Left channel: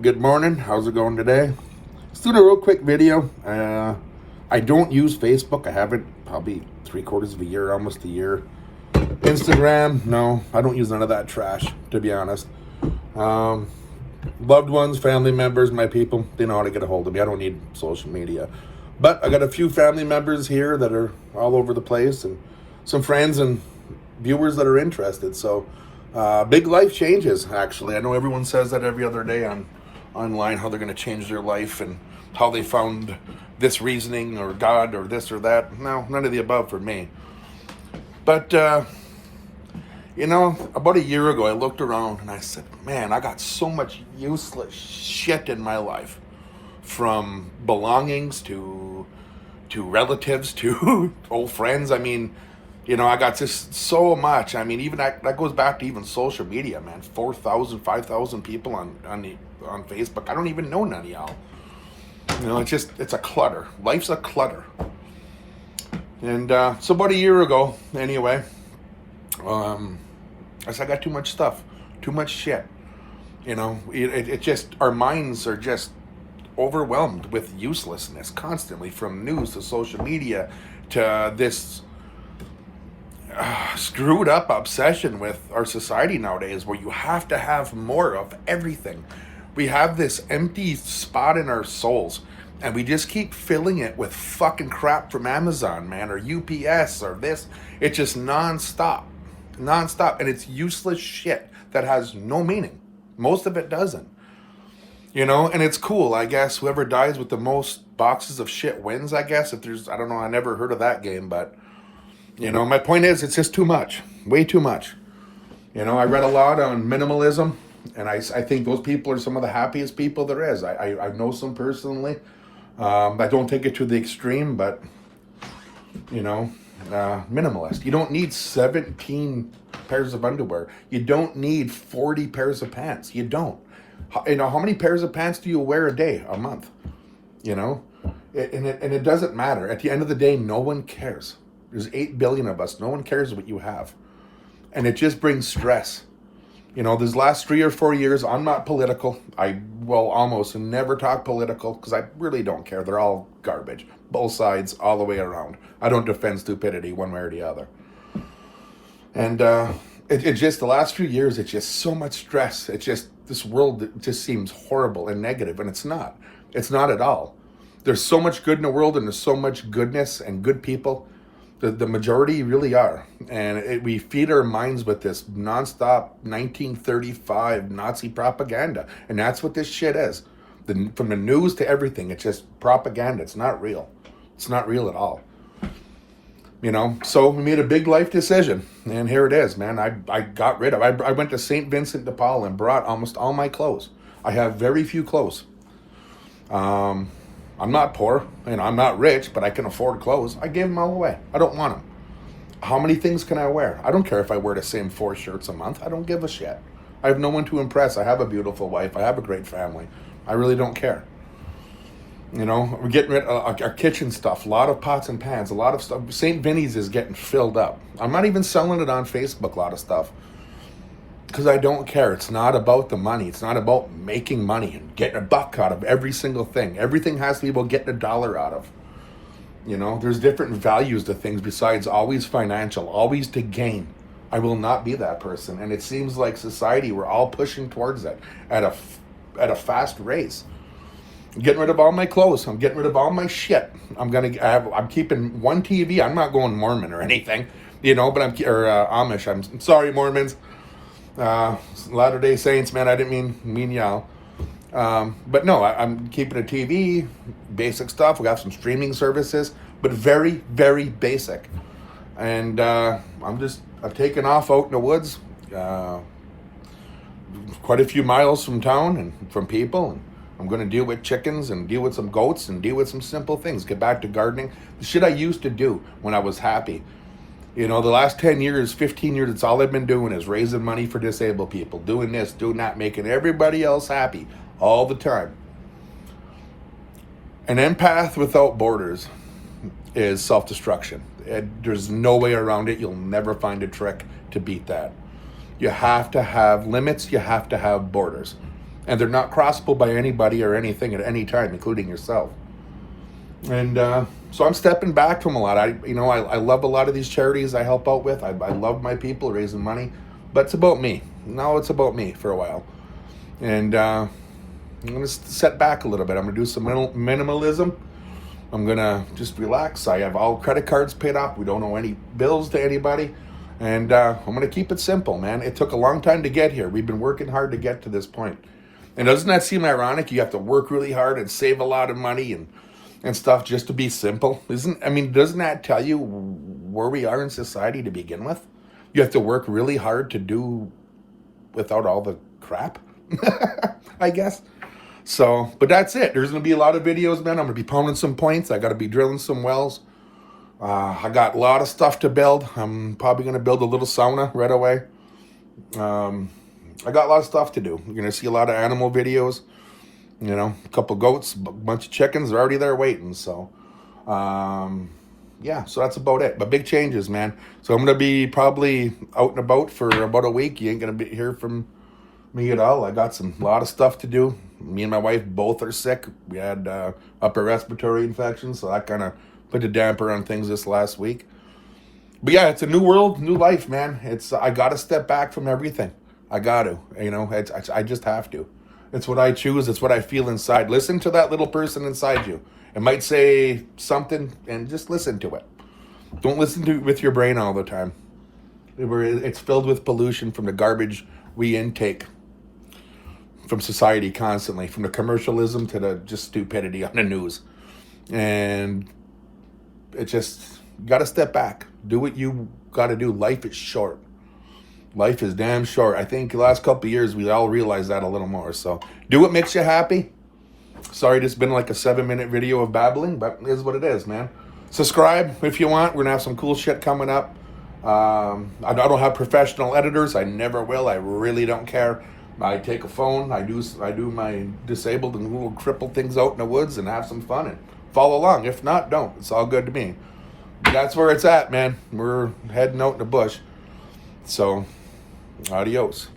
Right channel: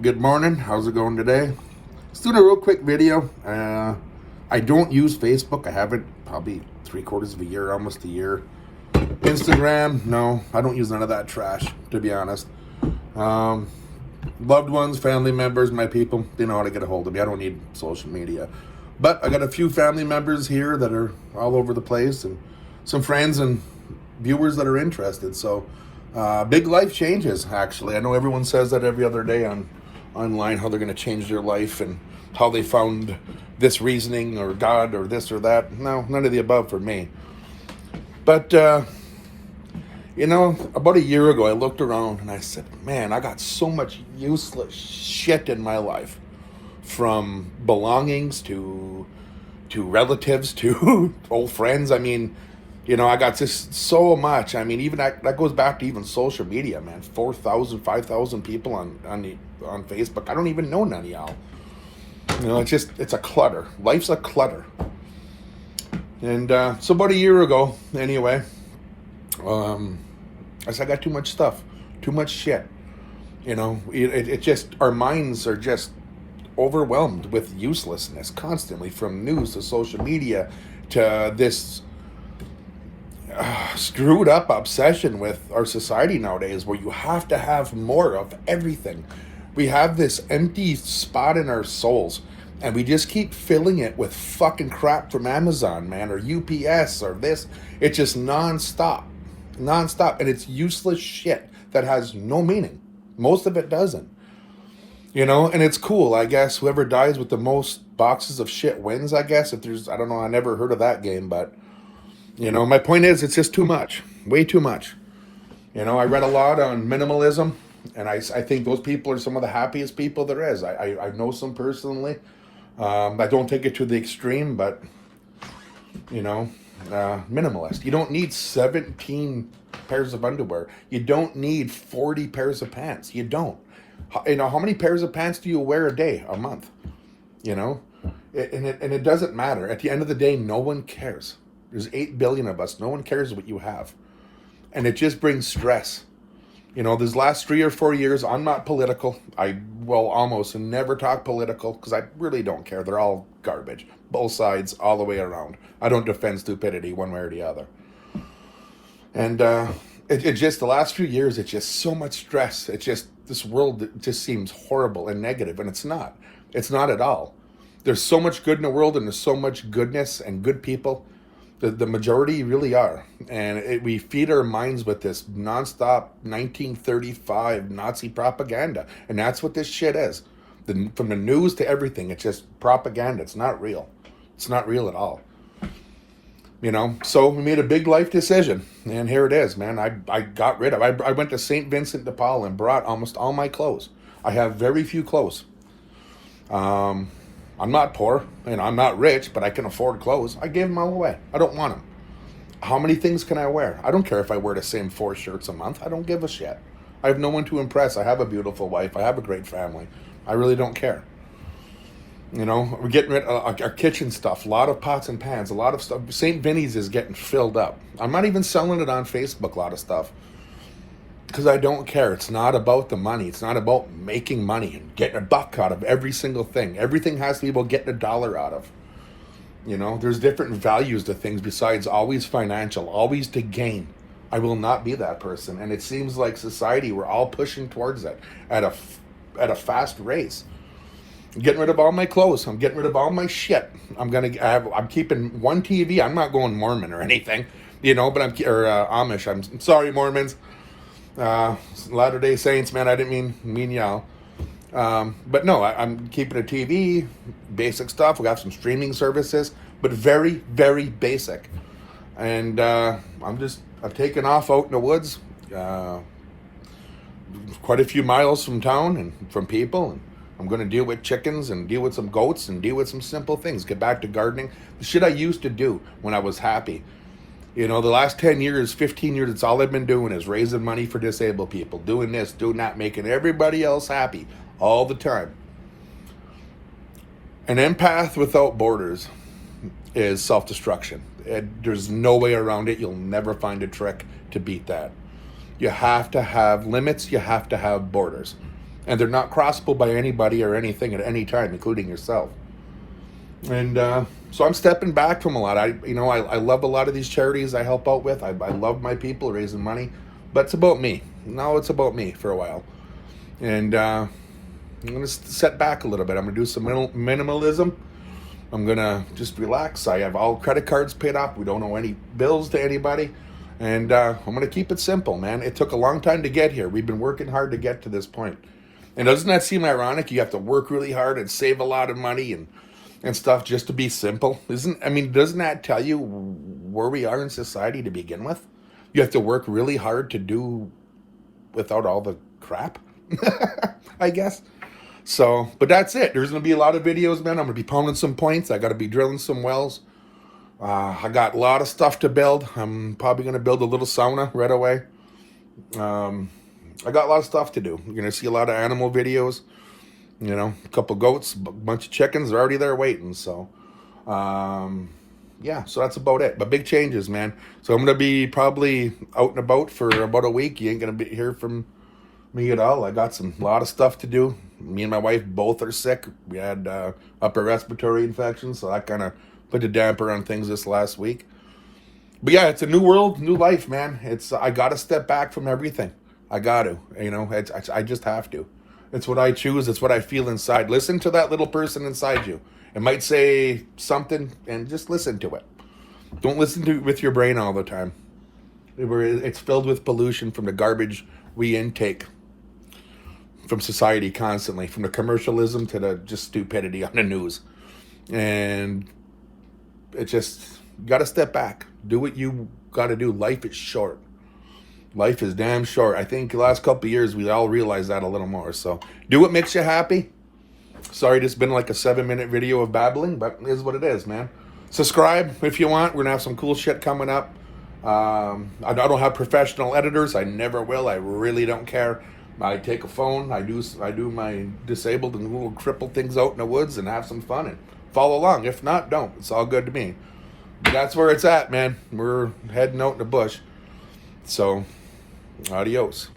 Good morning. How's it going today? Just doing a real quick video. I don't use Facebook. I haven't probably 3/4 of a year, almost a year. Instagram, no, I don't use none of that trash, to be honest. Um, Loved ones, family members, my people, they know how to get a hold of me. I don't need social media. But I got a few family members here that are all over the place, and some friends and viewers that are interested. So, big life changes, actually. I know everyone says that every other day online, how they're going to change their life and how they found this reasoning or God or this or that. No, none of the above for me. But, about a year ago, I looked around and I said, man, I got so much useless shit in my life, from belongings to relatives to old friends. I mean, I got just so much. I mean, even that goes back to even social media, man. 4,000, 5,000 people on Facebook. I don't even know none of y'all. It's a clutter. Life's a clutter. And so about a year ago, anyway, I said, I got too much stuff, too much shit. It just, our minds are just overwhelmed with uselessness constantly, from news to social media to this screwed up obsession with our society nowadays, where you have to have more of everything. We have this empty spot in our souls, and we just keep filling it with fucking crap from Amazon, man, or UPS or this. It's just nonstop, and it's useless shit that has no meaning. Most of it doesn't. And it's cool, I guess. Whoever dies with the most boxes of shit wins, I guess. If there's, I don't know, I never heard of that game, but, my point is, it's just too much. Way too much. I read a lot on minimalism, and I think those people are some of the happiest people there is. I know some personally. I don't take it to the extreme, but, minimalist. You don't need 17 pairs of underwear. You don't need 40 pairs of pants. You don't. How many pairs of pants do you wear a day, a month? And it doesn't matter. At the end of the day, no one cares. There's 8 billion of us. No one cares what you have. And it just brings stress. These last 3 or 4 years, I'm not political. I will almost never talk political because I really don't care. They're all garbage. Both sides, all the way around. I don't defend stupidity one way or the other. And it just, the last few years, it's just so much stress. It's just, this world just seems horrible and negative, and it's not. It's not at all. There's so much good in the world, and there's so much goodness and good people. The majority really are. And we feed our minds with this nonstop 1935 Nazi propaganda. And that's what this shit is. From the news to everything, it's just propaganda. It's not real. It's not real at all. So we made a big life decision. And here it is, man. I got rid of, I went to St. Vincent de Paul and brought almost all my clothes. I have very few clothes. I'm not poor, and I'm not rich, but I can afford clothes. I gave them all away. I don't want them. How many things can I wear? I don't care if I wear the same 4 shirts a month. I don't give a shit. I have no one to impress. I have a beautiful wife. I have a great family. I really don't care. We're getting rid of our kitchen stuff, a lot of pots and pans, a lot of stuff. St. Vinny's is getting filled up. I'm not even selling it on Facebook, a lot of stuff, because I don't care. It's not about the money. It's not about making money and getting a buck out of every single thing. Everything has to be about getting $1 out of. There's different values to things besides always financial, always to gain. I will not be that person. And it seems like society, we're all pushing towards that at a fast race. I'm getting rid of all my clothes. I'm getting rid of all my shit. I'm keeping one TV. I'm not going Mormon or anything, but Amish. I'm sorry, Mormons. Latter-day Saints, man, I didn't mean y'all. But no, I'm keeping a TV, basic stuff. We got some streaming services, but very, very basic. And I've taken off out in the woods, quite a few miles from town and from people. And I'm going to deal with chickens and deal with some goats and deal with some simple things. Get back to gardening. The shit I used to do when I was happy. The last 10 years, 15 years, it's all I've been doing is raising money for disabled people. Doing this, doing that, making everybody else happy all the time. An empath without borders is self-destruction. There's no way around it. You'll never find a trick to beat that. You have to have limits. You have to have borders. and they're not crossable by anybody or anything at any time, including yourself. And so I'm stepping back from a lot. I love a lot of these charities I help out with. I love my people raising money, but it's about me. Now it's about me for a while. And I'm going to set back a little bit. I'm going to do some minimalism. I'm going to just relax. I have all credit cards paid off. We don't owe any bills to anybody. And I'm going to keep it simple, man. It took a long time to get here. We've been working hard to get to this point. And doesn't that seem ironic? You have to work really hard and save a lot of money and stuff just to be simple. Doesn't that tell you where we are in society to begin with? You have to work really hard to do without all the crap, I guess. So, but that's it. There's going to be a lot of videos, man. I'm going to be pounding some points. I got to be drilling some wells. I got a lot of stuff to build. I'm probably going to build a little sauna right away. I got a lot of stuff to do. You're going to see a lot of animal videos. You know, a couple goats, a bunch of chickens are already there waiting. So, yeah, so that's about it. But big changes, man. So I'm going to be probably out and about for about a week. You ain't going to hear from me at all. I got a lot of stuff to do. Me and my wife both are sick. We had upper respiratory infection, so that kind of put a damper on things this last week. But yeah, it's a new world, new life, man. I got to step back from everything. I got to, I just have to. It's what I choose. It's what I feel inside. Listen to that little person inside you. It might say something, and just listen to it. Don't listen to it with your brain all the time. It's filled with pollution from the garbage we intake from society constantly, from the commercialism to the just stupidity on the news. And it just, got to step back. Do what you got to do. Life is short. Life is damn short. I think the last couple of years, we all realized that a little more. So do what makes you happy. Sorry, this has been like a 7-minute video of babbling, but it is what it is, man. Subscribe if you want. We're going to have some cool shit coming up. I don't have professional editors. I never will. I really don't care. I take a phone. I do my disabled and little crippled things out in the woods and have some fun and follow along. If not, don't. It's all good to me. But that's where it's at, man. We're heading out in the bush. So, adios.